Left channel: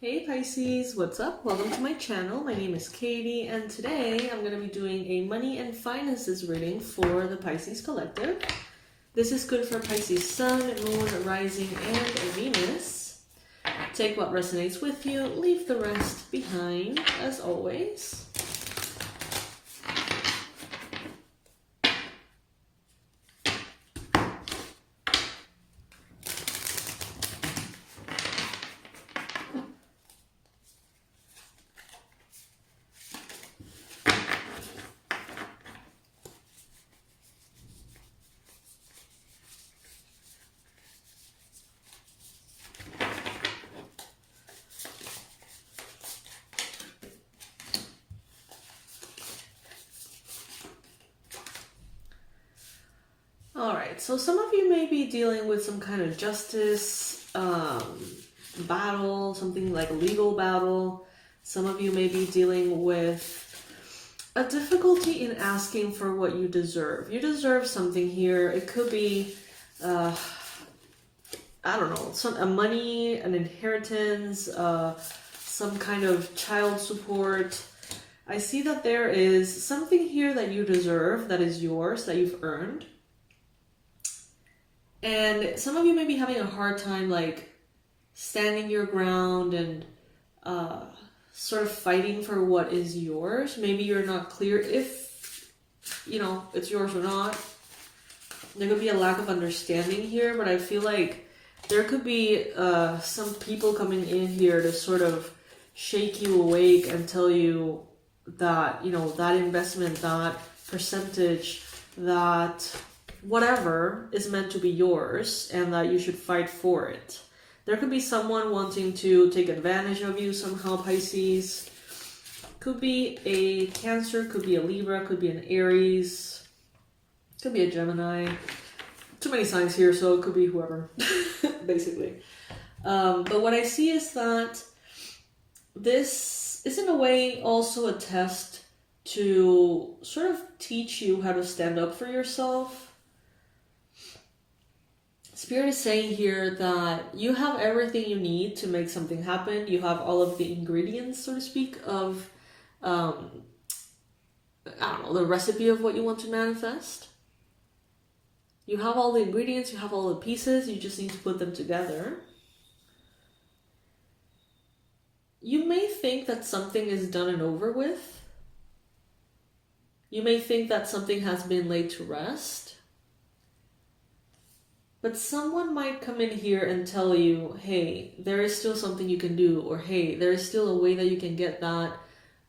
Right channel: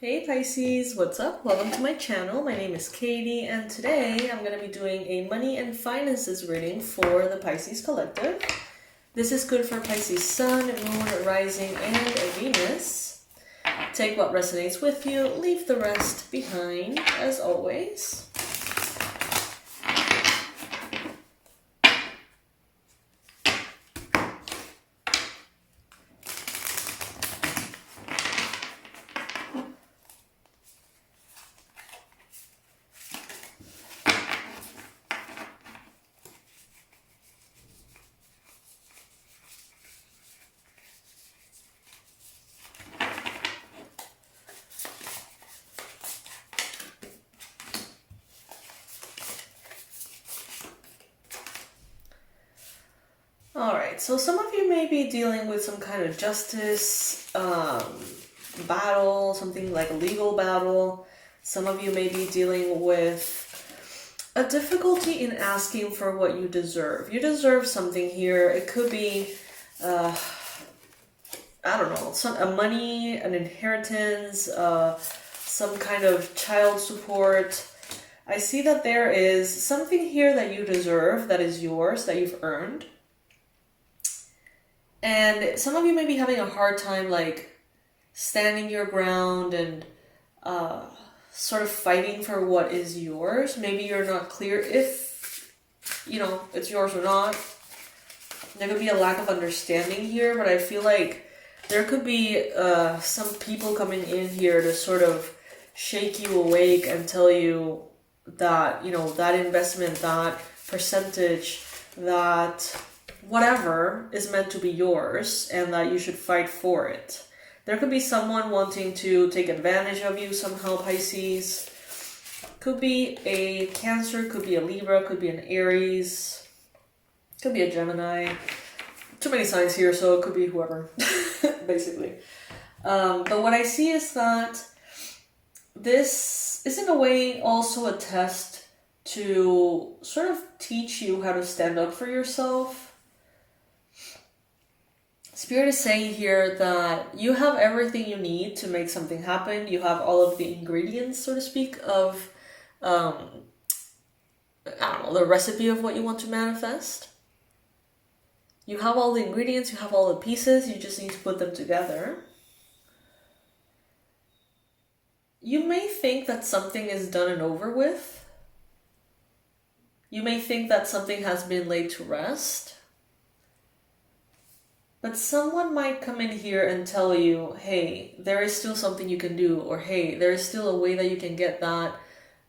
Hey Pisces, what's up? Welcome to my channel. My name is Katie, and today I'm going to be doing a money and finances reading for the Pisces collective. This is good for Pisces Sun, Moon, Rising, and Venus. Take what resonates with you, leave the rest behind, as always. Alright, so some of you may be dealing with some kind of justice battle, something like a legal battle. Some of you may be dealing with a difficulty in asking for what you deserve. You deserve something here. It could be, I don't know, a money, an inheritance, some kind of child support. I see that there is something here that you deserve, that is yours, that you've earned. And some of you may be having a hard time, like, standing your ground and sort of fighting for what is yours. Maybe you're not clear if, it's yours or not. There could be a lack of understanding here, but I feel like there could be some people coming in here to sort of shake you awake and tell you that, that investment, that percentage, that whatever is meant to be yours and that you should fight for it. There could be someone wanting to take advantage of you somehow, Pisces. Could be a Cancer, could be a Libra, could be an Aries, could be a Gemini. Too many signs here, so it could be whoever, basically. But what I see is that this is in a way also a test to sort of teach you how to stand up for yourself. Spirit is saying here that you have everything you need to make something happen. You have all of the ingredients, so to speak, of, the recipe of what you want to manifest. You have all the ingredients, you have all the pieces, you just need to put them together. You may think that something is done and over with. You may think that something has been laid to rest. But someone might come in here and tell you, hey, there is still something you can do, or hey, there is still a way that you can get that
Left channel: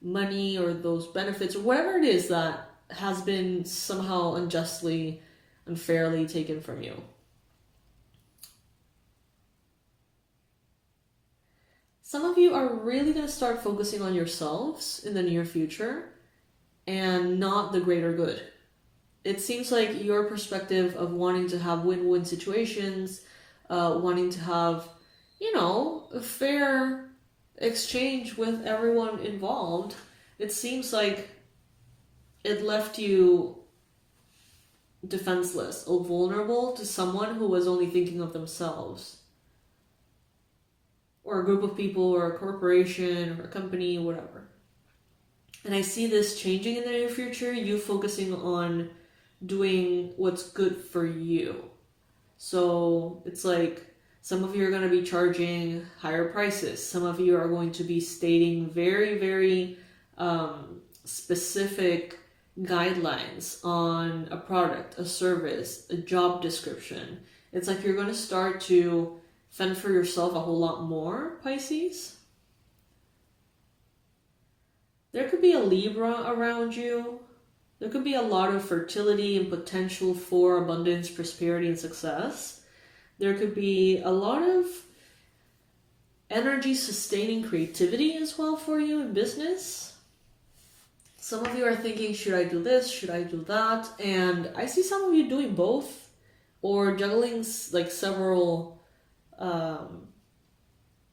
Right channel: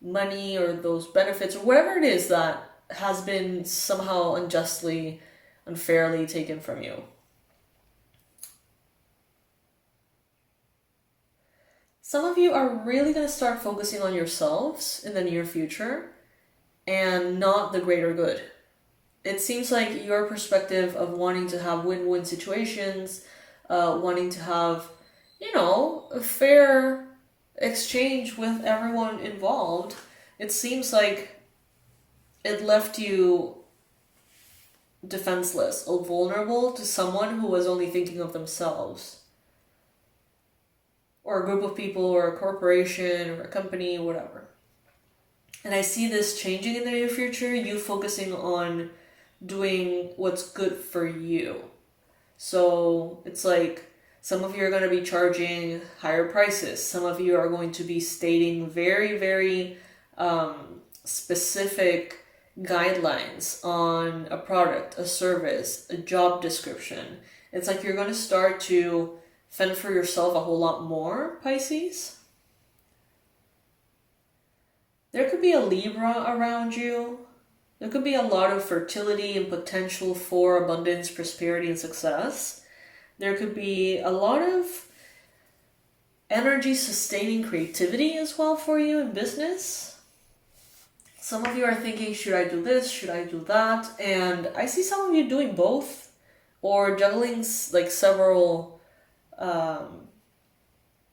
money or those benefits, or whatever it is that has been somehow unjustly, unfairly taken from you. Some of you are really going to start focusing on yourselves in the near future and not the greater good. It seems like your perspective of wanting to have win-win situations, wanting to have, a fair exchange with everyone involved, it seems like it left you defenseless or vulnerable to someone who was only thinking of themselves. Or a group of people, or a corporation, or a company, whatever. And I see this changing in the near future, you focusing on doing what's good for you. So it's like some of you are going to be charging higher prices. Some of you are going to be stating very, very specific guidelines on a product, a service, a job description. It's like you're going to start to fend for yourself a whole lot more, Pisces. There could be a Libra around you. There could be a lot of fertility and potential for abundance, prosperity, and success. There could be a lot of energy-sustaining creativity as well for you in business. Some of you are thinking, should I do this? Should I do that? And I see some of you doing both, or juggling like several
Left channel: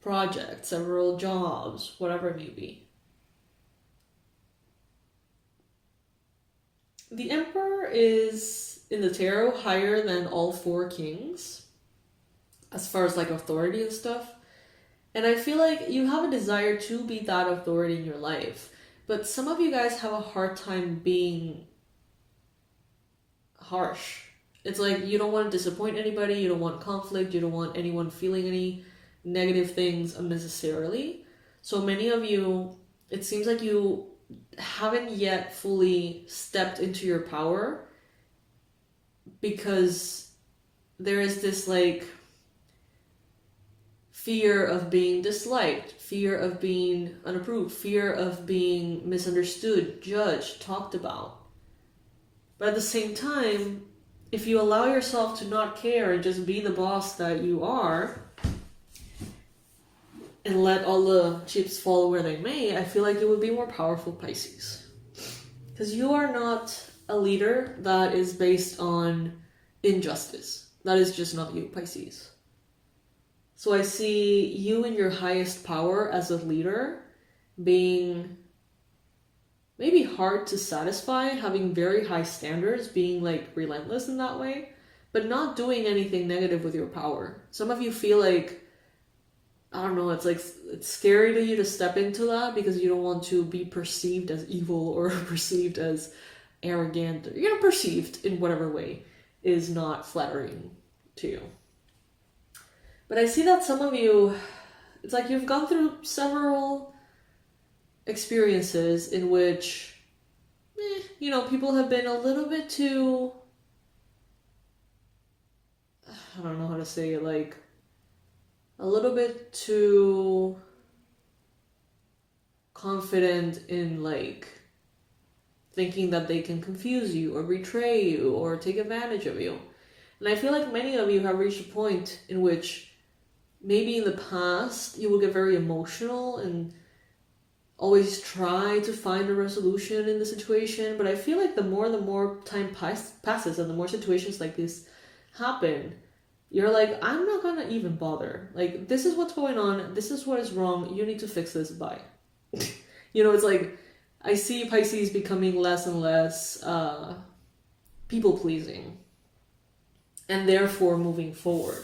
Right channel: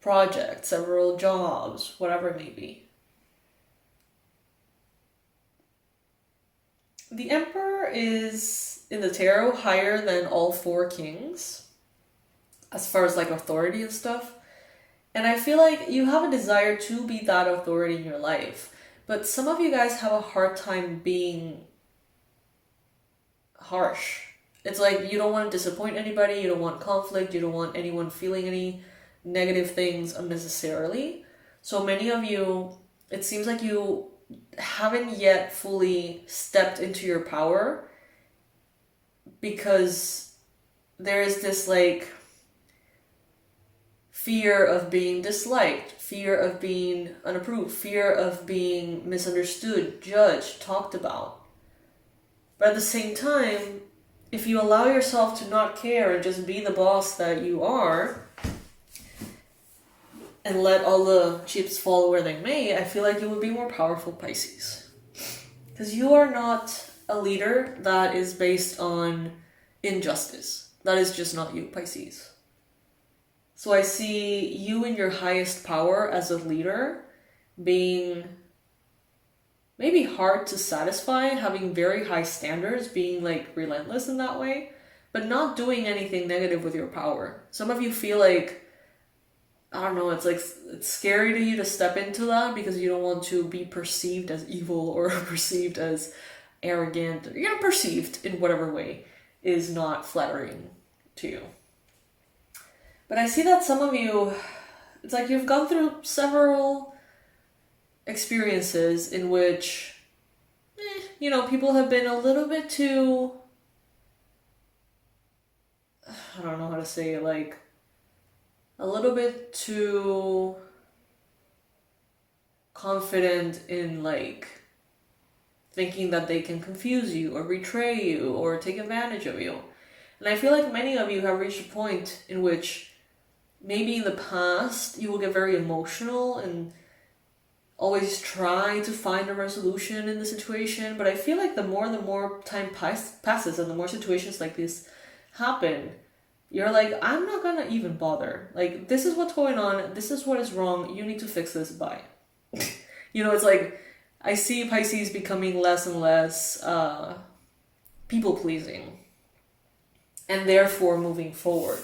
projects, several jobs, whatever it may be. The Emperor is, in the tarot, higher than all four kings, as far as like authority and stuff. And I feel like you have a desire to be that authority in your life. But some of you guys have a hard time being harsh. It's like you don't want to disappoint anybody, you don't want conflict, you don't want anyone feeling any negative things unnecessarily. So many of you, it seems like you haven't yet fully stepped into your power because there is this like fear of being disliked, fear of being unapproved, fear of being misunderstood, judged, talked about. But at the same time, if you allow yourself to not care and just be the boss that you are and let all the chips fall where they may, I feel like you would be more powerful, Pisces. Because you are not a leader that is based on injustice. That is just not you, Pisces. So I see you in your highest power as a leader being maybe hard to satisfy, having very high standards, being like relentless in that way, but not doing anything negative with your power. Some of you feel like, I don't know, it's like it's scary to you to step into that because you don't want to be perceived as evil or perceived as arrogant, or perceived in whatever way is not flattering to you. But I see that some of you, it's like you've gone through several experiences in which, people have been a little bit too, I don't know how to say it, like, a little bit too confident in, like, thinking that they can confuse you or betray you or take advantage of you. And I feel like many of you have reached a point in which maybe in the past you will get very emotional and always try to find a resolution in the situation. But I feel like the more time passes and the more situations like this happen, you're like, I'm not gonna even bother. Like, this is what's going on. This is what is wrong. You need to fix this. Bye. It's like, I see Pisces becoming less and less people-pleasing. And therefore moving forward.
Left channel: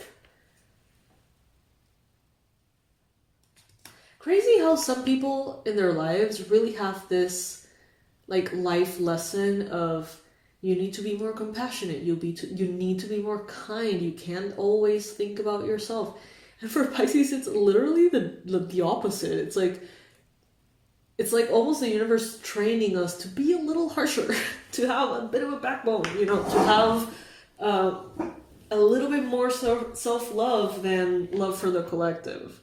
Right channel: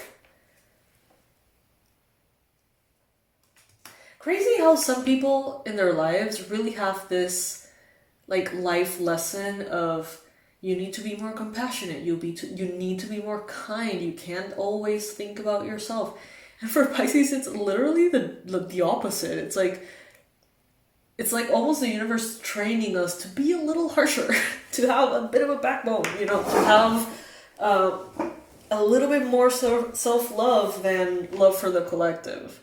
Crazy how some people in their lives really have this like life lesson of you need to be more compassionate, you need to be more kind, you can't always think about yourself. And for Pisces, it's literally the opposite. It's like almost the universe training us to be a little harsher, to have a bit of a backbone, to have a little bit more self-love than love for the collective.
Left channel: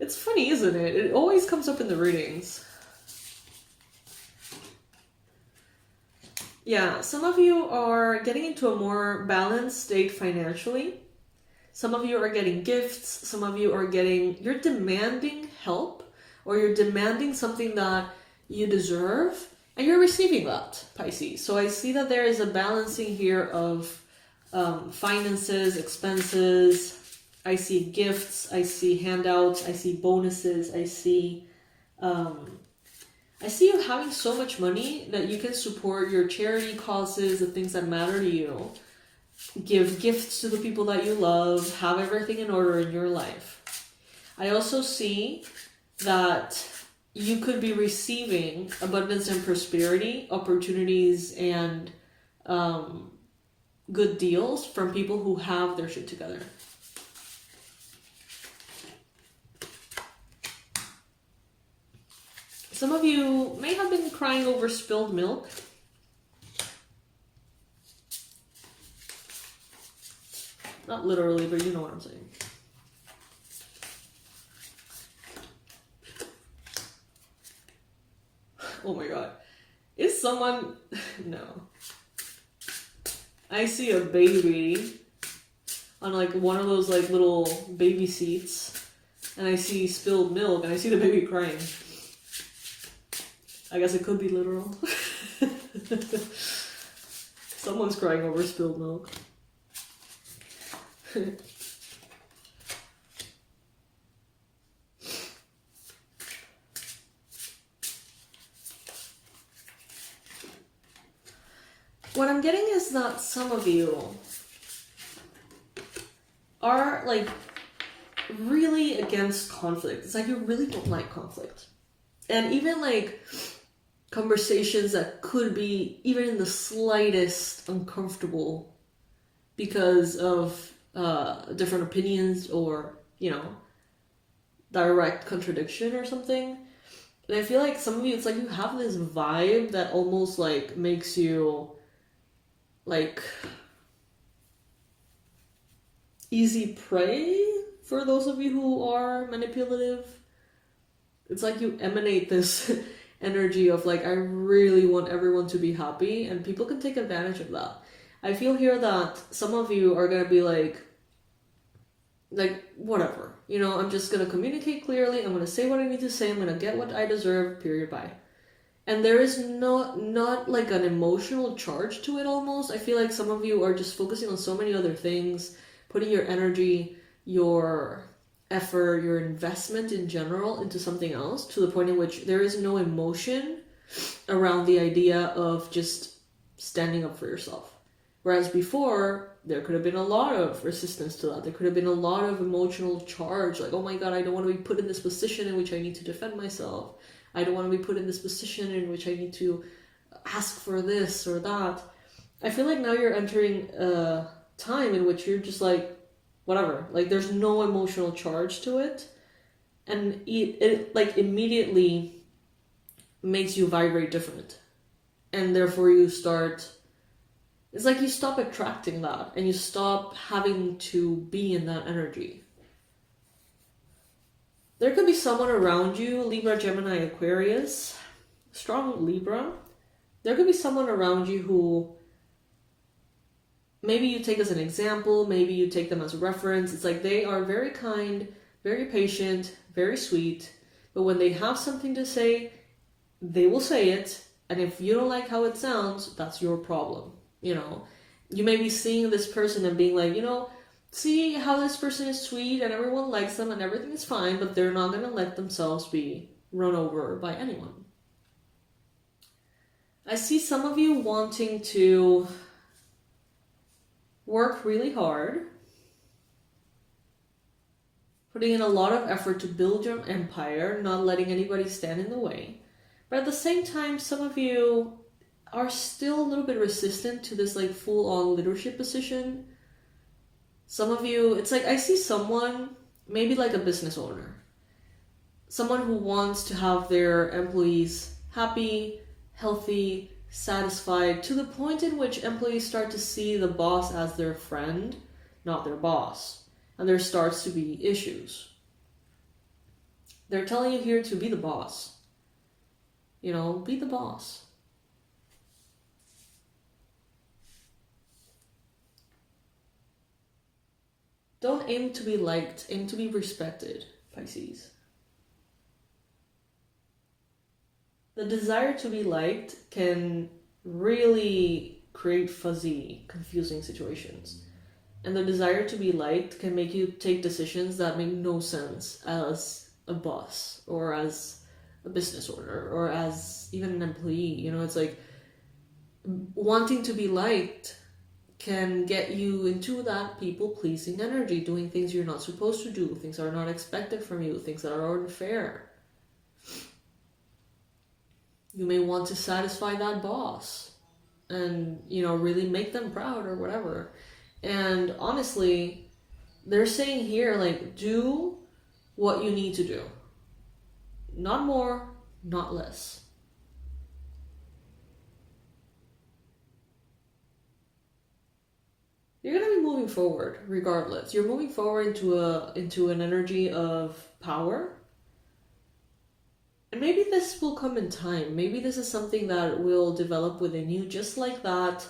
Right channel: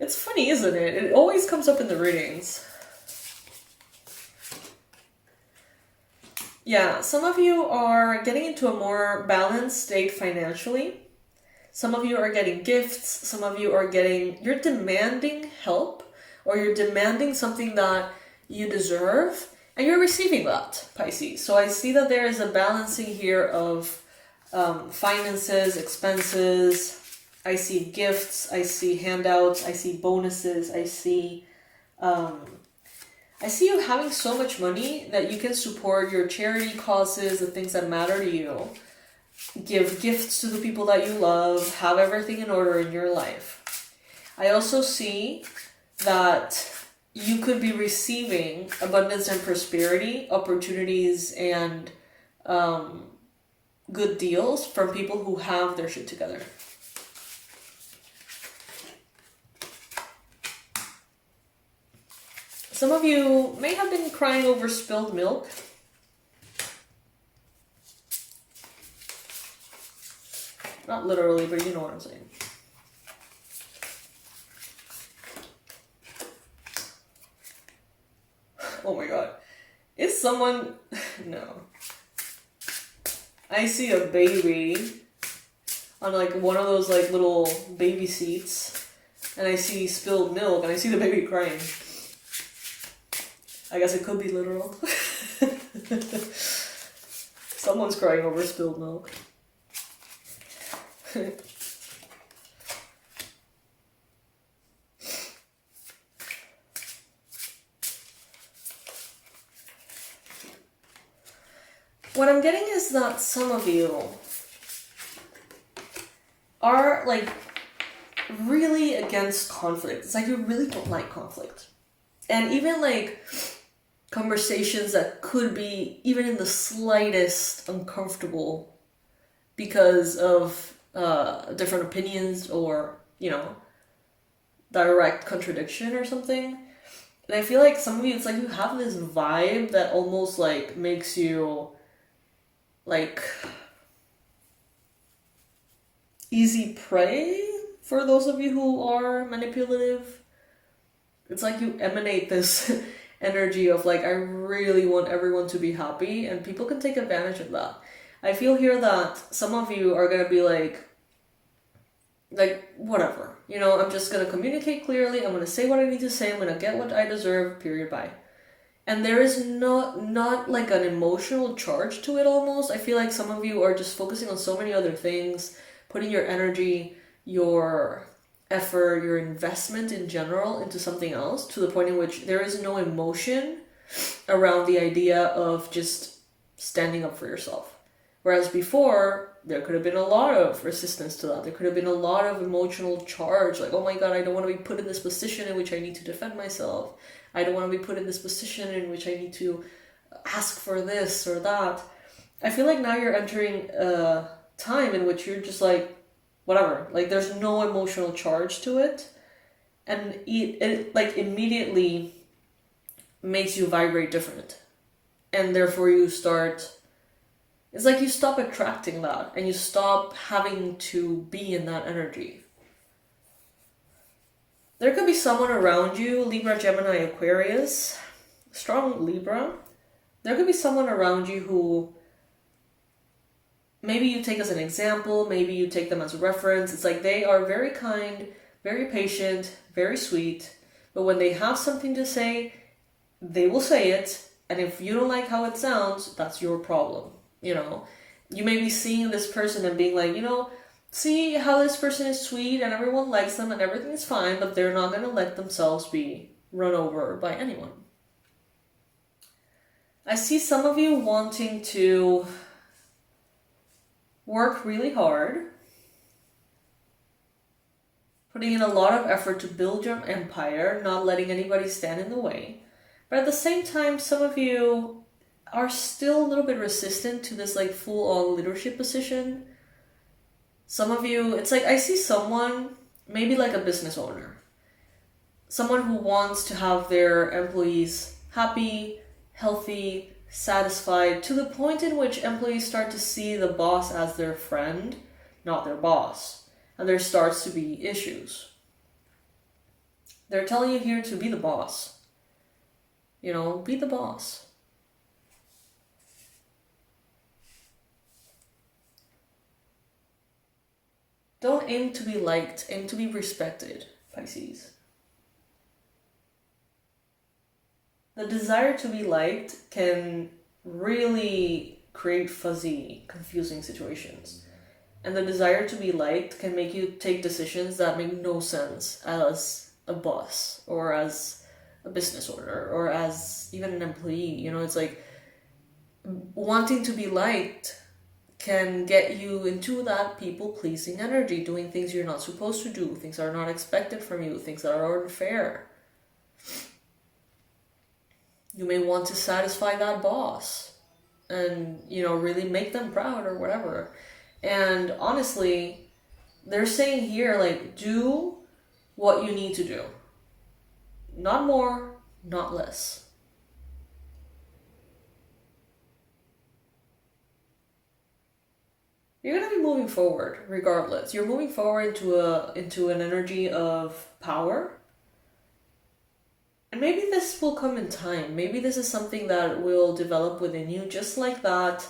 It's funny, isn't it? It always comes up in the readings. Yeah, some of you are getting into a more balanced state financially. Some of you are getting gifts. Some of you you're demanding help, or you're demanding something that you deserve, and you're receiving that, Pisces. So I see that there is a balancing here of finances, expenses. I see gifts, I see handouts, I see bonuses, I see you having so much money that you can support your charity causes, the things that matter to you, give gifts to the people that you love, have everything in order in your life. I also see that you could be receiving abundance and prosperity, opportunities, and good deals from people who have their shit together. Some of you may have been crying over spilled milk. Not literally, but you know what I'm saying. Oh my god. Is someone... No. I see a baby on like one of those like little baby seats, and I see spilled milk, and I see the baby crying. I guess it could be literal. Someone's crying over spilled milk. What I'm getting is that some of you are like really against conflict. It's like you really don't like conflict. And even like conversations that could be even in the slightest uncomfortable because of different opinions or, you know, direct contradiction or something. And I feel like some of you, it's like you have this vibe that almost like makes you like easy prey for those of you who are manipulative. It's like you emanate this energy of like, I really want everyone to be happy, and people can take advantage of that. I feel here that some of you are going to be like, whatever. You know, I'm just going to communicate clearly. I'm going to say what I need to say. I'm going to get what I deserve, period, bye. And there is not like an emotional charge to it almost. I feel like some of you are just focusing on so many other things, putting your energy, your effort, your investment in general into something else, to the point in which there is no emotion around the idea of just standing up for yourself. Whereas before, there could have been a lot of resistance to that. There could have been a lot of emotional charge, like, oh my god, I don't want to be put in this position in which I need to defend myself. I don't want to be put in this position in which I need to ask for this or that. I feel like now you're entering a time in which you're just like, whatever. Like, there's no emotional charge to it. And it like immediately makes you vibrate different. And therefore you start... It's like you stop attracting that and you stop having to be in that energy. There could be someone around you, Libra, Gemini, Aquarius, strong Libra. There could be someone around you who maybe you take as an example, maybe you take them as a reference. It's like they are very kind, very patient, very sweet, but when they have something to say, they will say it. And if you don't like how it sounds, that's your problem. You know, you may be seeing this person and being like, you know, see how this person is sweet and everyone likes them and everything is fine, but they're not going to let themselves be run over by anyone. I see some of you wanting to work really hard, putting in a lot of effort to build your empire, not letting anybody stand in the way. But at the same time, some of you are still a little bit resistant to this like full-on leadership position. Some of you, it's like I see someone, maybe like a business owner, someone who wants to have their employees happy, healthy, satisfied, to the point in which employees start to see the boss as their friend, not their boss. And there starts to be issues. They're telling you here to be the boss. You know, be the boss. Don't aim to be liked, aim to be respected, Pisces. The desire to be liked can really create fuzzy, confusing situations. And the desire to be liked can make you take decisions that make no sense as a boss or as a business owner or as even an employee. You know, it's like wanting to be liked can get you into that people-pleasing energy, doing things you're not supposed to do, things that are not expected from you, things that are unfair. You may want to satisfy that boss and, you know, really make them proud or whatever. And honestly, they're saying here, like, do what you need to do. Not more, not less. You're going to be moving forward regardless. You're moving forward into an energy of power. And maybe this will come in time. Maybe this is something that will develop within you, just like that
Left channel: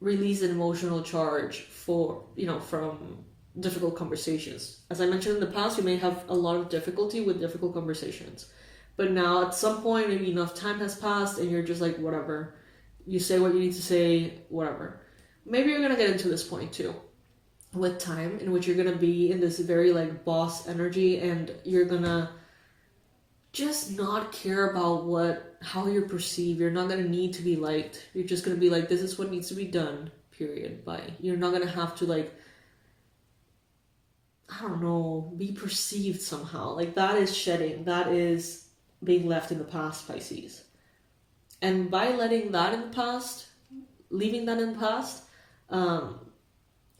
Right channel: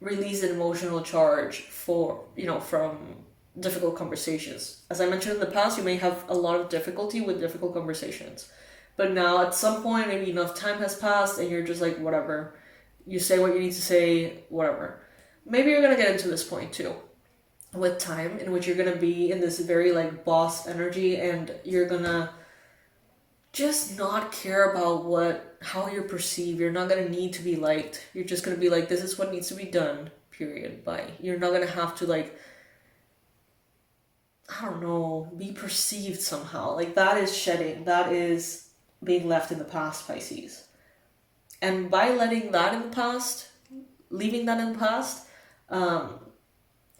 release an emotional charge for, you know, from difficult conversations. As I mentioned in the past, you may have a lot of difficulty with difficult conversations. But now at some point, maybe enough time has passed and you're just like, whatever. You say what you need to say, whatever. Maybe you're going to get into this point too, with time, in which you're going to be in this very like boss energy and you're going to just not care about how you're perceived. You're not going to need to be liked. You're just going to be like, this is what needs to be done, period, bye. You're not going to have to like I don't know, be perceived somehow. Like that is shedding. That is being left in the past, Pisces. And by letting that in the past, leaving that in the past,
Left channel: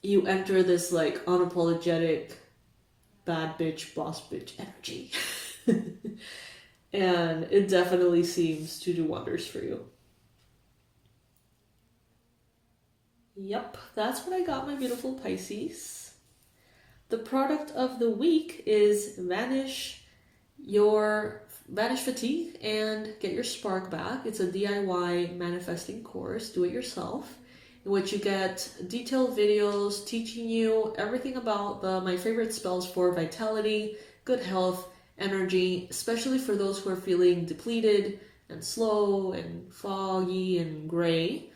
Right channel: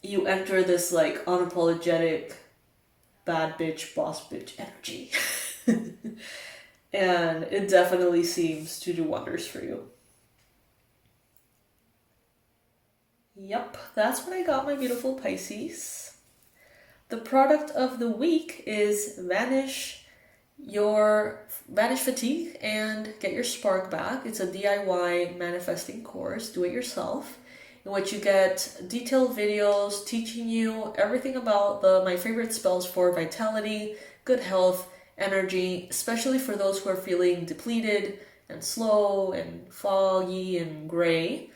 you enter this like unapologetic bad bitch, boss bitch energy. And it definitely seems to do wonders for you. Yep, that's what I got, my beautiful Pisces. The product of the week is Banish fatigue and get your spark back. It's a DIY manifesting course, do it yourself, in which you get detailed videos teaching you everything about my favorite spells for vitality, good health, energy, especially for those who are feeling depleted and slow and foggy and gray.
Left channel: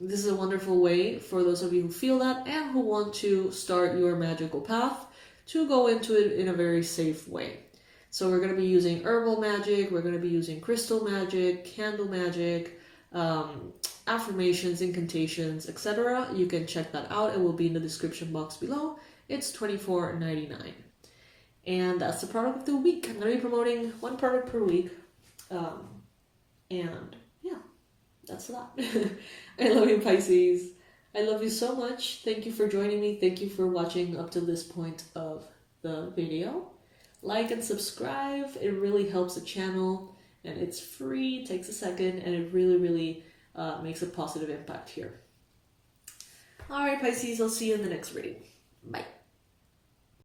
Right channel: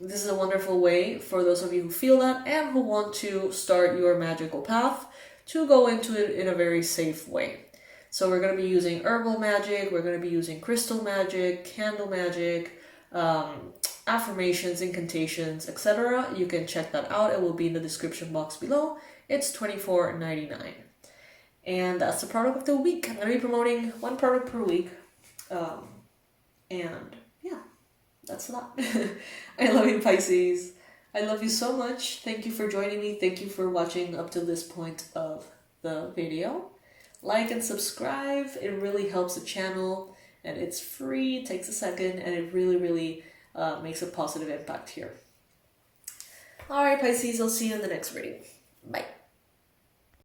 This is a wonderful way for those of you who feel that and who want to start your magical path to go into it in a very safe way. So we're going to be using herbal magic, we're going to be using crystal magic, candle magic, affirmations, incantations, etc. You can check that out. It will be in the description box below. It's $24.99. And that's the product of the week. I'm going to be promoting one product per week. And yeah, that's a lot. I love you, Pisces. I love you so much. Thank you for joining me. Thank you for watching up to this point of the video. Like and subscribe. It really helps the channel. And it's free. It takes a second. And it really, really makes a positive impact here. Alright, Pisces. I'll see you in the next reading. Bye.